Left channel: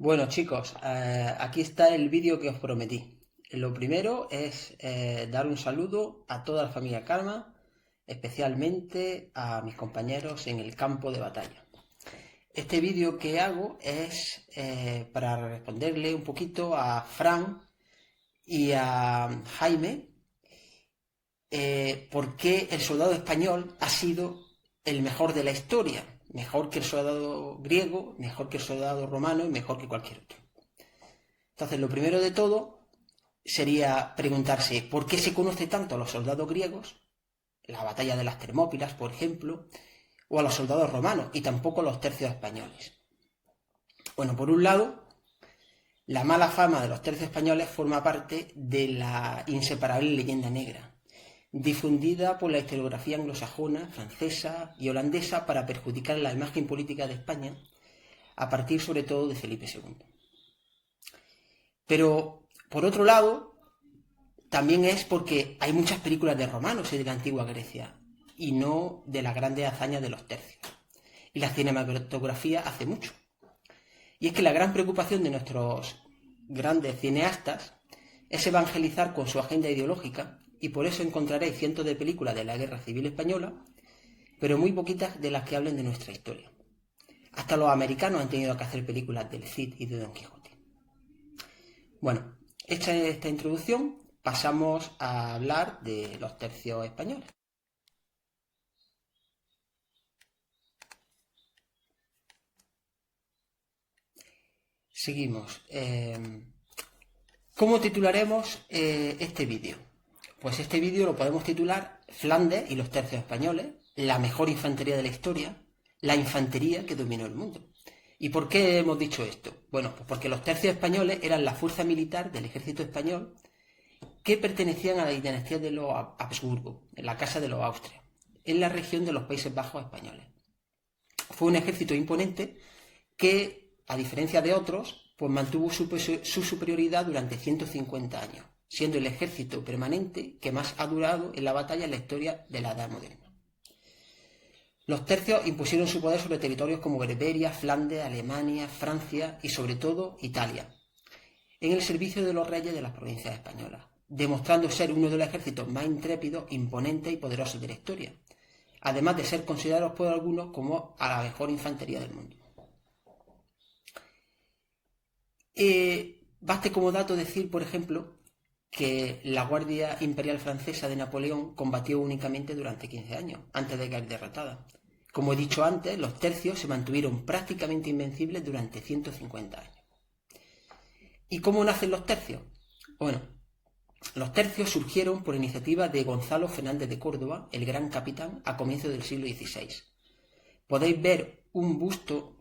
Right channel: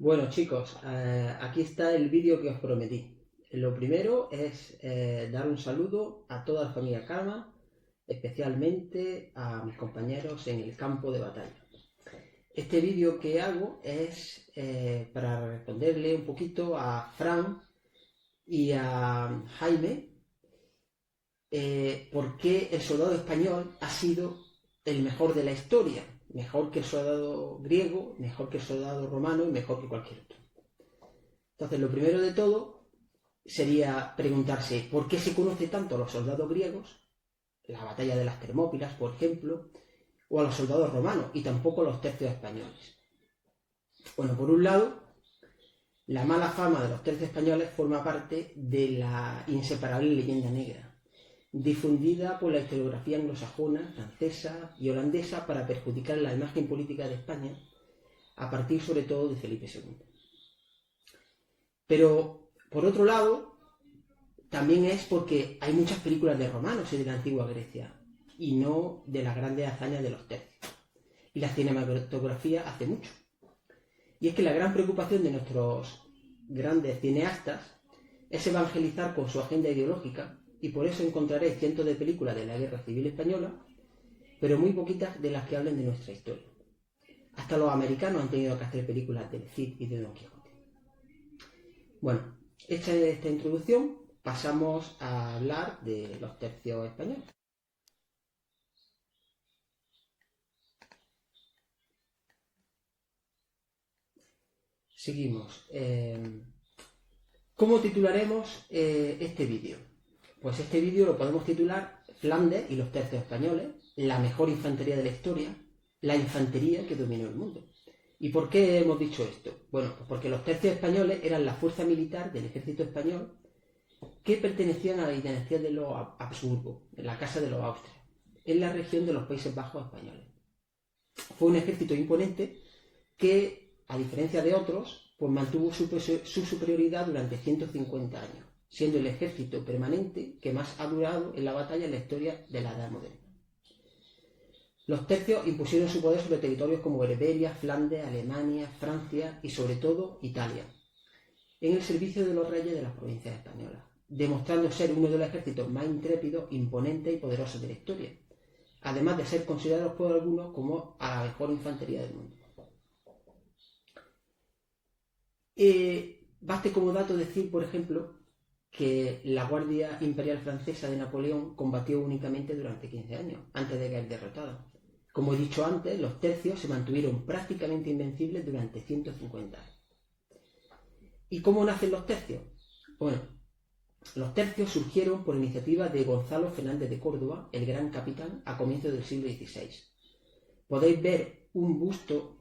Bueno chicos, aquí está el vídeo que os prometí. Lo primero es dar un saludo a toda la familia Karma, especialmente a mis compañeros en el campo de batalla. Este vídeo que hago es para responderle un poquito a Fran y a Jaime por qué el soldado español ha sido el mejor de la historia. Mejor que el soldado griego, mejor que el soldado romano y mejor que cualquier otro. Entonces, lo primero de todo sería preguntarse por qué se conoce tanto a los soldados griegos, la batalla de las Termópilas, por ejemplo, o a los soldados romanos, y tampoco a los tercios españoles. Bueno, por un lado, la mala fama de los tercios españoles forma parte de la inseparable leyenda negra, difundida por la historiografía anglosajona, francesa y holandesa para perjudicar la imagen política de España, a partir sobre todo de Felipe II. Pero, por otro lado, también es porque hay muchas películas de romanos y de la antigua Grecia, y no de las grandes hazañas de los tercios. Y la cinematografía hace mucho. Y es que la gran preocupación de nuestros grandes cineastas es evangelizar con su agenda ideológica, y por eso encontraré cientos de películas de la Guerra Civil Española, pero muy poquitas de las que hablen de nuestra historia. Hasta los americanos han tenido que hacer películas del Cid y de Don Quijote. Bueno, hecha esta introducción, pasamos a hablar de los tercios españoles. Seguimos. ¿Cómo titularemos este vídeo? Pues este vídeo lo podemos titular Flandes y los tercios españoles, la mejor infantería de la historia, la infantería que dominó el mundo. ¿Y por qué hemos dicho esto? Bueno, pues porque los tercios españoles eran la fuerza militar del ejército español que pertenecían a la dinastía de los Habsburgo, en la casa de los Austria, en la región de los Países Bajos españoles. Fue un ejército imponente que, a diferencia de otros, pues mantuvo su superioridad durante 150 años, siendo el ejército permanente que más ha durado en la batalla en la historia de la Edad Moderna. Los tercios impusieron su poder sobre territorios como Berberia, Flandes, Alemania, Francia y sobre todo Italia, en el servicio de los reyes de las provincias españolas, demostrando ser uno de los ejércitos más intrépidos, imponentes y poderosos de la historia, además de ser considerados por algunos como a la mejor infantería del mundo. Baste como dato decir, por ejemplo, que la Guardia Imperial Francesa de Napoleón combatió únicamente durante 15 años, antes de caer derrotada. Como he dicho antes, los tercios se mantuvieron prácticamente invencibles durante 150 años. ¿Y cómo nacen los tercios? Bueno, los tercios surgieron por iniciativa de Gonzalo Fernández de Córdoba, el gran capitán, a comienzos del siglo XVI. Podéis ver un busto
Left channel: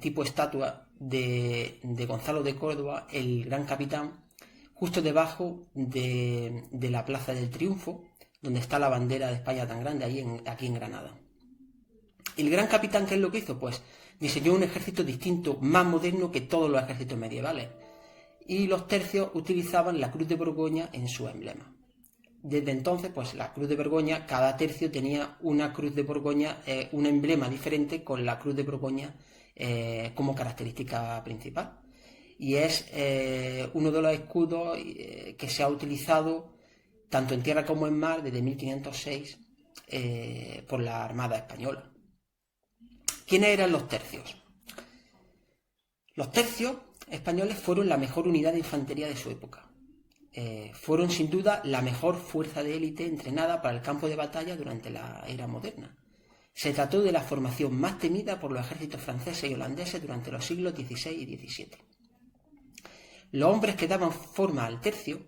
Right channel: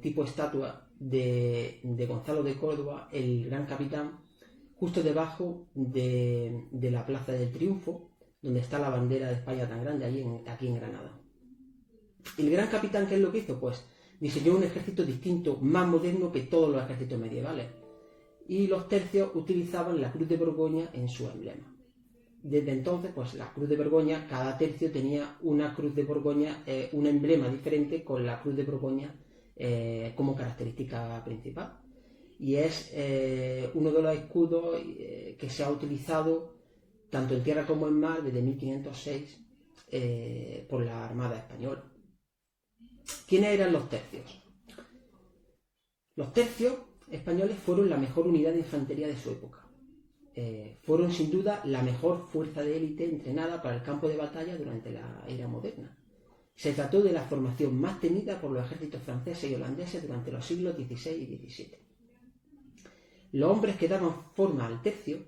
tipo estatua de Gonzalo de Córdoba, el gran capitán, justo debajo de la Plaza del Triunfo, donde está la bandera de España tan grande, aquí en Granada. El gran capitán, ¿qué es lo que hizo? Pues diseñó un ejército distinto, más moderno que todos los ejércitos medievales. Y los tercios utilizaban la cruz de Borgoña en su emblema. Desde entonces, pues la cruz de Borgoña, cada tercio tenía una cruz de Borgoña, un emblema diferente con la cruz de Borgoña como característica principal. Y es uno de los escudos que se ha utilizado tanto en tierra como en mar desde 1506 por la Armada Española. ¿Quiénes eran los tercios? Los tercios españoles fueron la mejor unidad de infantería de su época. Fueron sin duda la mejor fuerza de élite entrenada para el campo de batalla durante la era moderna. Se trató de la formación más temida por los ejércitos franceses y holandeses durante los siglos XVI y XVII. Los hombres que daban forma al tercio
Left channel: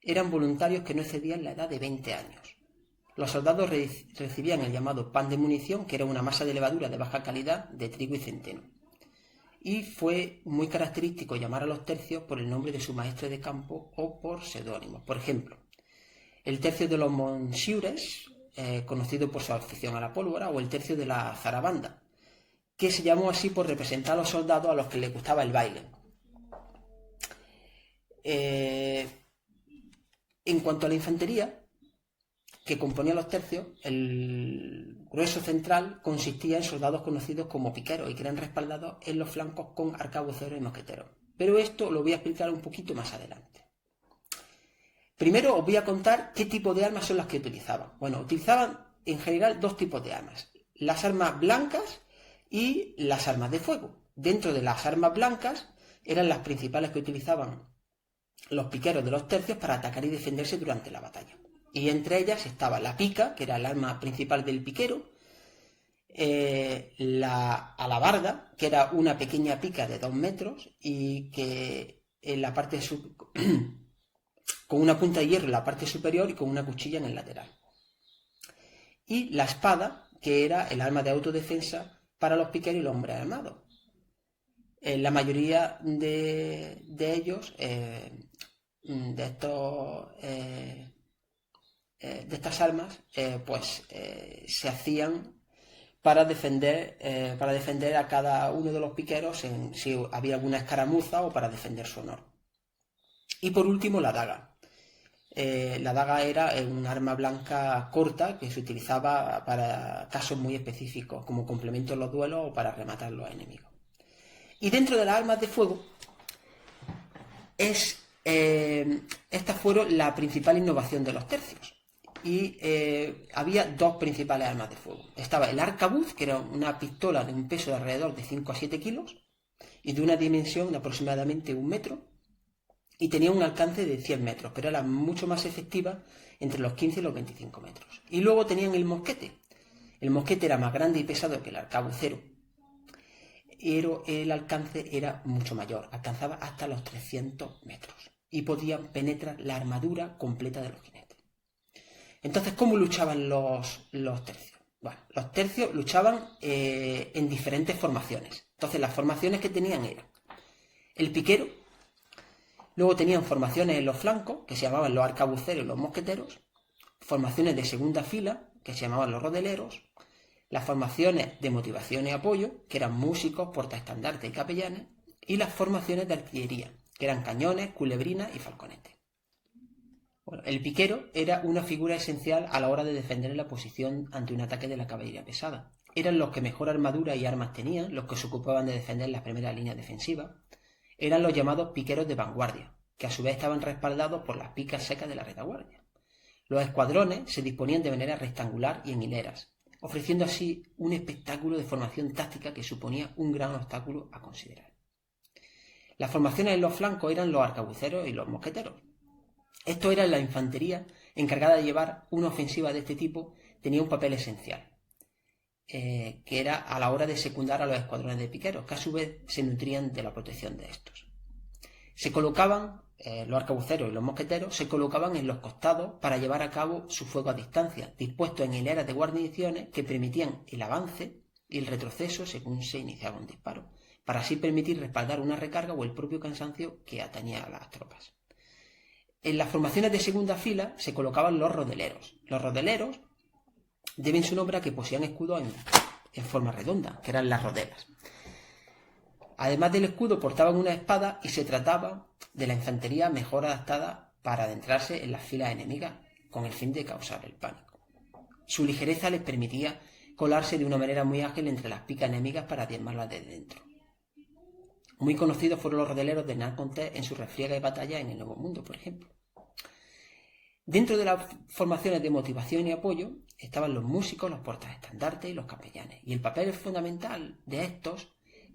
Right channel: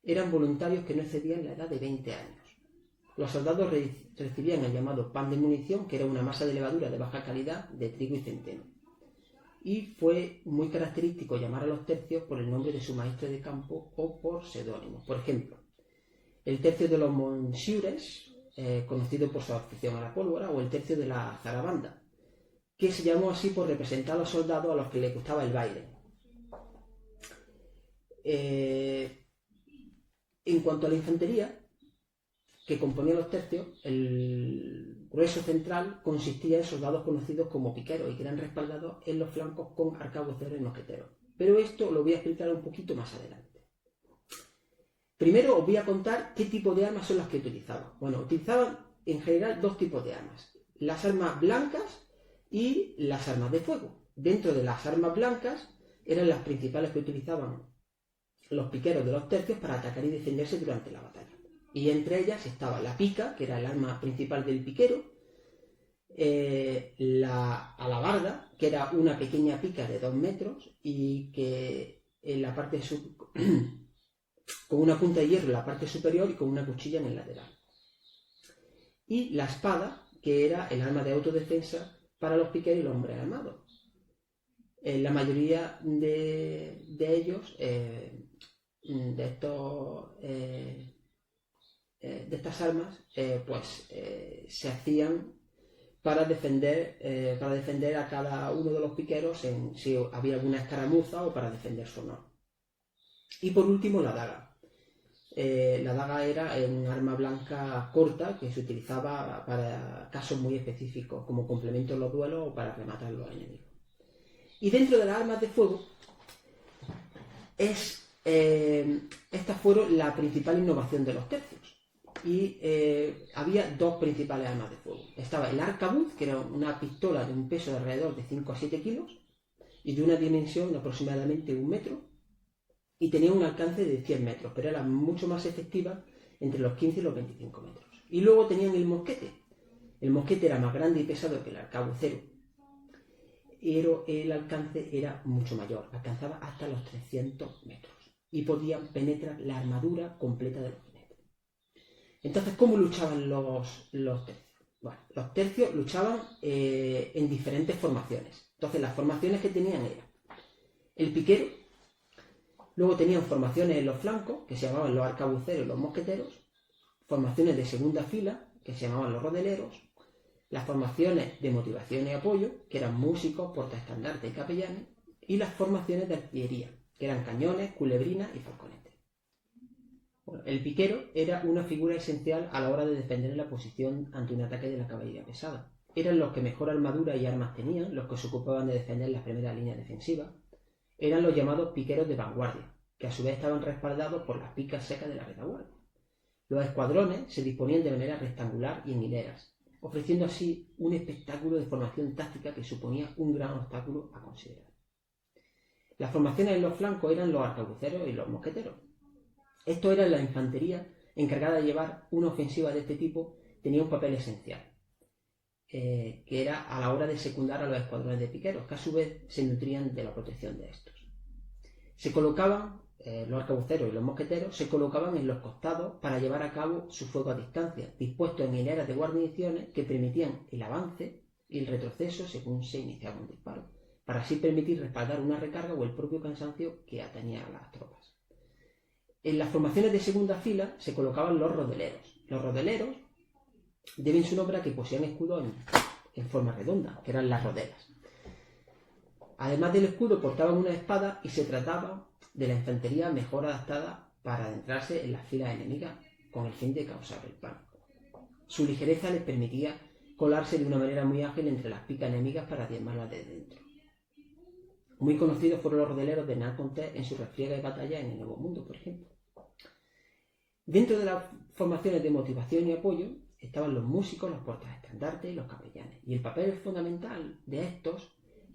eran voluntarios que no excedían la edad de 20 años. Los soldados recibían el llamado pan de munición, que era una masa de levadura de baja calidad de trigo y centeno. Y fue muy característico llamar a los tercios por el nombre de su maestre de campo o por seudónimos. Por ejemplo, el tercio de los Monsiures, conocido por su afición a la pólvora, o el tercio de la Zarabanda, que se llamó así por representar a los soldados a los que les gustaba el baile. En cuanto a la infantería, que componían los tercios, el grueso central consistía en soldados conocidos como piqueros y que eran respaldados en los flancos con arcabuceros y mosqueteros. Pero esto lo voy a explicar un poquito más adelante. Primero os voy a contar qué tipo de armas son las que utilizaban. Bueno, utilizaban en general dos tipos de armas. Las armas blancas y las armas de fuego. Dentro de las armas blancas eran las principales que utilizaban los piqueros de los tercios para atacar y defenderse durante la batalla. Y entre ellas estaba la pica, que era el arma principal del piquero, la alabarda, que era una pequeña pica de 2 metros y que en la parte con una punta de hierro en la parte superior y con una cuchilla en el lateral. Y la espada, que era el arma de autodefensa para los piqueros y los hombres armados. La mayoría de ellos, de estas armas, se hacían para defender a cada uno de los piqueros si había alguna escaramuza o para defender su honor. Y por último, la daga. La daga era un arma blanca corta que se utilizaba para casos muy específicos, como complemento en los duelos o para rematar a los enemigos. Y dentro de las armas de fuego, estas fueron la principal innovación de los tercios. Y había dos principales armas de fuego. Estaba el arcabuz, que era una pistola de un peso de alrededor de 5 a 7 kilos y de una dimensión de aproximadamente 1 metro. Y tenía un alcance de 100 metros, pero era mucho más efectiva entre los 15 y los 25 metros. Y luego tenían el mosquete. El mosquete era más grande y pesado que el arcabucero, pero el alcance era mucho mayor, alcanzaba hasta los 300 metros y podían penetrar la armadura completa de los jinetes. Entonces, ¿cómo luchaban los tercios? Bueno, los tercios luchaban en diferentes formaciones. Entonces, las formaciones que tenían eran el piquero. Luego tenían formaciones en los flancos, que se llamaban los arcabuceros y los mosqueteros, formaciones de segunda fila, que se llamaban los rodeleros, las formaciones de motivación y apoyo, que eran músicos, portaestandartes y capellanes, y las formaciones de artillería, que eran cañones, culebrinas y falconetes. Bueno, el piquero era una figura esencial a la hora de defender la posición ante un ataque de la caballería pesada. Eran los que mejor armadura y armas tenían, los que se ocupaban de defender las primeras líneas defensivas. Eran los llamados piqueros de vanguardia, que a su vez estaban respaldados por las picas secas de la retaguardia. Los escuadrones se disponían de manera rectangular y en hileras, ofreciendo así un espectáculo de formación táctica que suponía un gran obstáculo a considerar. Las formaciones en los flancos eran los arcabuceros y los mosqueteros. Esto era la infantería encargada de llevar una ofensiva de este tipo, tenía un papel esencial, que era a la hora de secundar a los escuadrones de piqueros, que a su vez se nutrían de la protección de estos. Se colocaban, los arcabuceros y los mosqueteros, se colocaban en los costados para llevar a cabo su fuego a distancia, dispuestos en hileras de guarniciones que permitían el avance y el retroceso según se iniciaba un disparo, para así permitir respaldar una recarga o el propio cansancio que atañía a las tropas. En las formaciones de segunda fila se colocaban los rodeleros. Los rodeleros deben su nombre a que poseían escudos en forma redonda, que eran las rodelas. Además del escudo portaban una espada y se trataba de la infantería mejor adaptada para adentrarse en las filas enemigas con el fin de causar el pánico. Su ligereza les permitía colarse de una manera muy ágil entre las picas enemigas para diezmarlas desde dentro. Muy conocidos fueron los rodeleros de Hernán Cortés en su refriega y batalla en el Nuevo Mundo, por ejemplo. Dentro de las formaciones de motivación y apoyo estaban los músicos, los portaestandartes y los capellanes. Y el papel fundamental de estos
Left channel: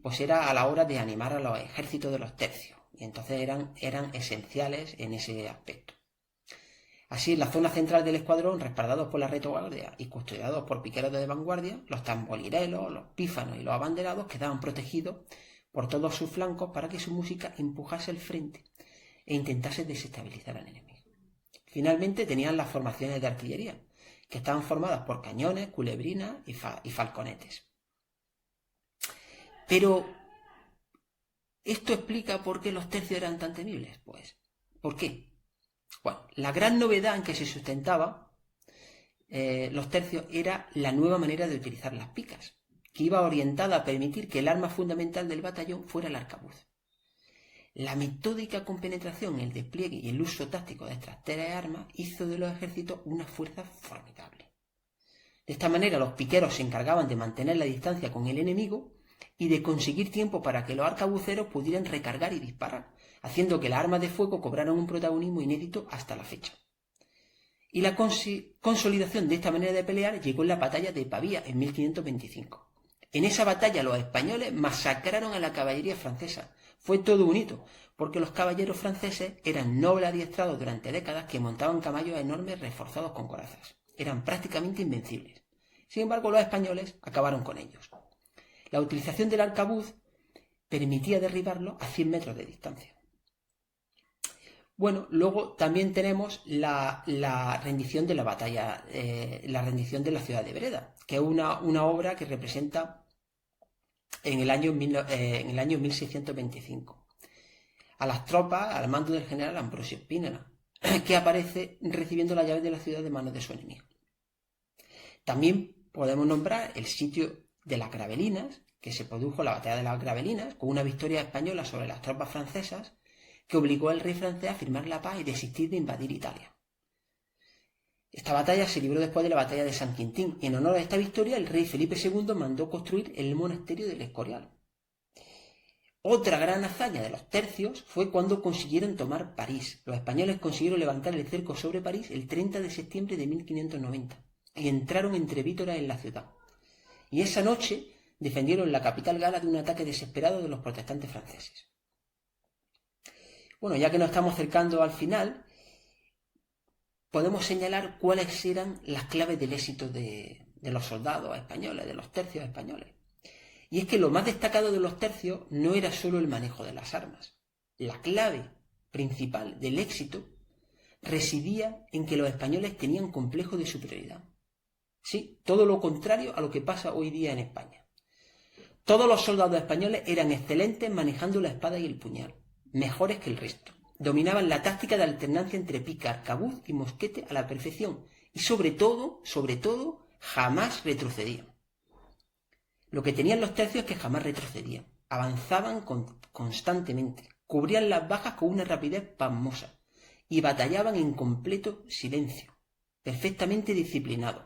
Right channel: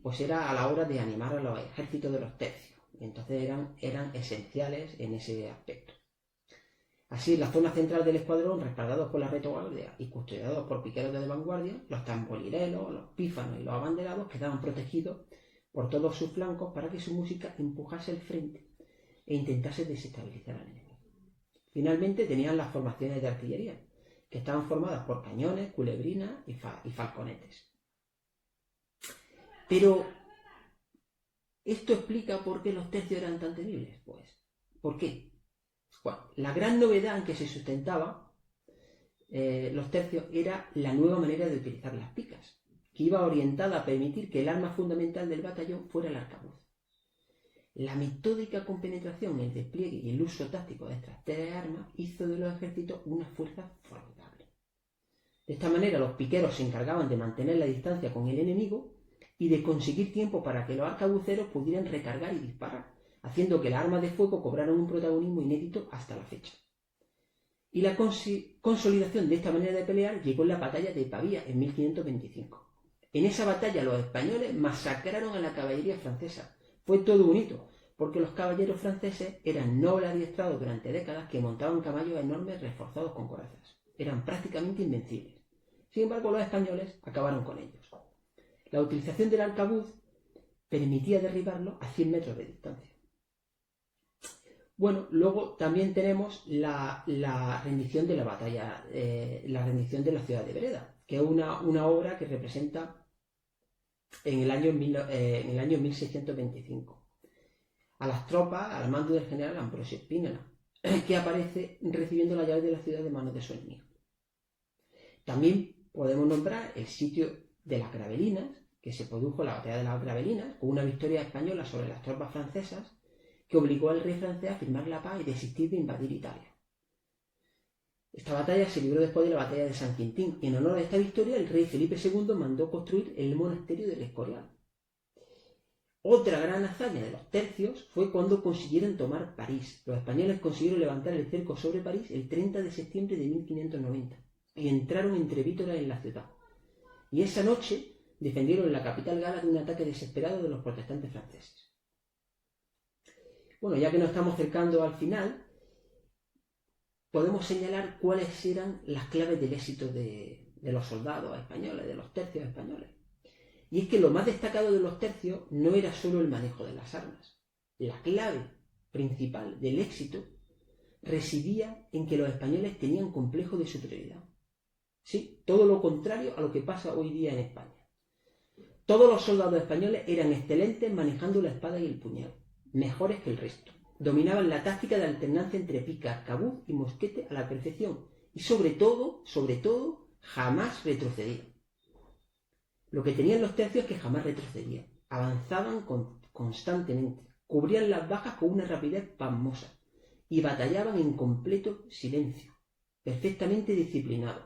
pues era a la hora de animar a los ejércitos de los tercios. Y entonces eran esenciales en ese aspecto. Así, en la zona central del escuadrón, respaldados por la retaguardia y custodiados por piqueros de vanguardia, los tamborileros, los pífanos y los abanderados quedaban protegidos por todos sus flancos para que su música empujase el frente e intentase desestabilizar al enemigo. Finalmente tenían las formaciones de artillería, que estaban formadas por cañones, culebrinas y falconetes. Pero, ¿esto explica por qué los tercios eran tan temibles? Pues, ¿por qué? Bueno, la gran novedad en que se sustentaba los tercios era la nueva manera de utilizar las picas, que iba orientada a permitir que el arma fundamental del batallón fuera el arcabuz. La metódica compenetración, el despliegue y el uso táctico de estas tres armas hizo de los ejércitos una fuerza formidable. De esta manera los piqueros se encargaban de mantener la distancia con el enemigo y de conseguir tiempo para que los arcabuceros pudieran recargar y disparar, haciendo que las armas de fuego cobraran un protagonismo inédito hasta la fecha. Y la consolidación de esta manera de pelear llegó en la batalla de Pavía en 1525. En esa batalla los españoles masacraron a la caballería francesa. Fue todo un hito, porque los caballeros franceses eran nobles adiestrados durante décadas que montaban caballos enormes reforzados con corazas. Eran prácticamente invencibles. Sin embargo, los españoles acabaron con ellos. La utilización del arcabuz permitía derribarlos a 100 metros de distancia. Bueno, luego también tenemos la rendición de la batalla, la rendición de la ciudad de Breda, que es una obra que representa en el año 1625 a las tropas al mando del general Ambrosio Spínola, que aparece recibiendo las llaves de la ciudad de manos de su enemigo. También podemos nombrar el sitio de las Gravelinas, que se produjo la batalla de las Gravelinas, con una victoria española sobre las tropas francesas, que obligó al rey francés a firmar la paz y desistir de invadir Italia. Esta batalla se libró después de la batalla de San Quintín, y en honor a esta victoria el rey Felipe II mandó construir el monasterio del Escorial. Otra gran hazaña de los tercios fue cuando consiguieron tomar París. Los españoles consiguieron levantar el cerco sobre París el 30 de septiembre de 1590 y entraron entre vítoras en la ciudad. Y esa noche defendieron la capital gala de un ataque desesperado de los protestantes franceses. Bueno, ya que nos estamos acercando al final, podemos señalar cuáles eran las claves del éxito de los soldados españoles, de los tercios españoles. Y es que lo más destacado de los tercios no era solo el manejo de las armas. La clave principal del éxito residía en que los españoles tenían complejo de superioridad. Sí, todo lo contrario a lo que pasa hoy día en España. Todos los soldados españoles eran excelentes manejando la espada y el puñal, mejores que el resto. Dominaban la táctica de alternancia entre pica, arcabuz y mosquete a la perfección. Y sobre todo, jamás retrocedían. Lo que tenían los tercios es que jamás retrocedían. Avanzaban constantemente, cubrían las bajas con una rapidez pasmosa y batallaban en completo silencio, perfectamente disciplinados.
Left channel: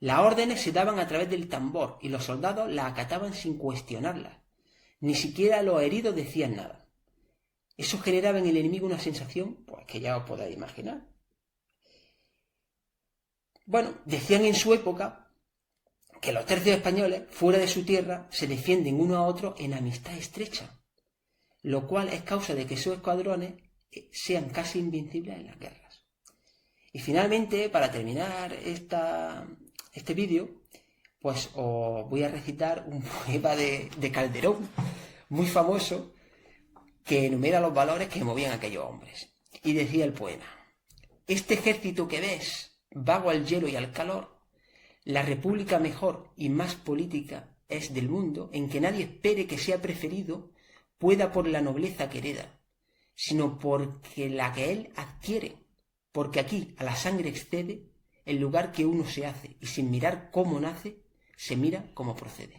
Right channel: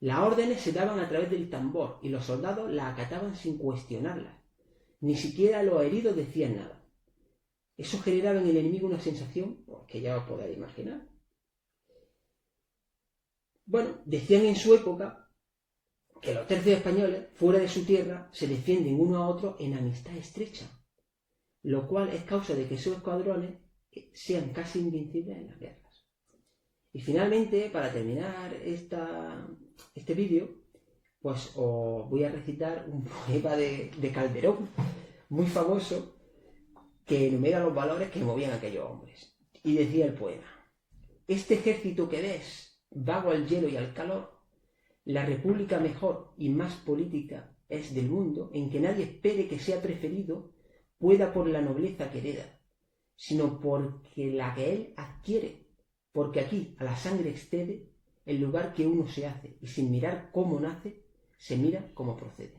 Las órdenes se daban a través del tambor y los soldados las acataban sin cuestionarlas. Ni siquiera los heridos decían nada. Eso generaba en el enemigo una sensación, pues que ya os podéis imaginar. Bueno, decían en su época que los tercios españoles, fuera de su tierra, se defienden uno a otro en amistad estrecha, lo cual es causa de que esos escuadrones sean casi invencibles en las guerras. Y finalmente, para terminar este vídeo, pues os voy a recitar un poema de Calderón, muy famoso, que enumera los valores que movían a aquellos hombres. Y decía el poema: este ejército que ves, vago al hielo y al calor, la república mejor y más política es del mundo, en que nadie espere que sea preferido, pueda por la nobleza que hereda, sino porque la que él adquiere, porque aquí a la sangre excede el lugar que uno se hace, y sin mirar cómo nace, se mira cómo procede.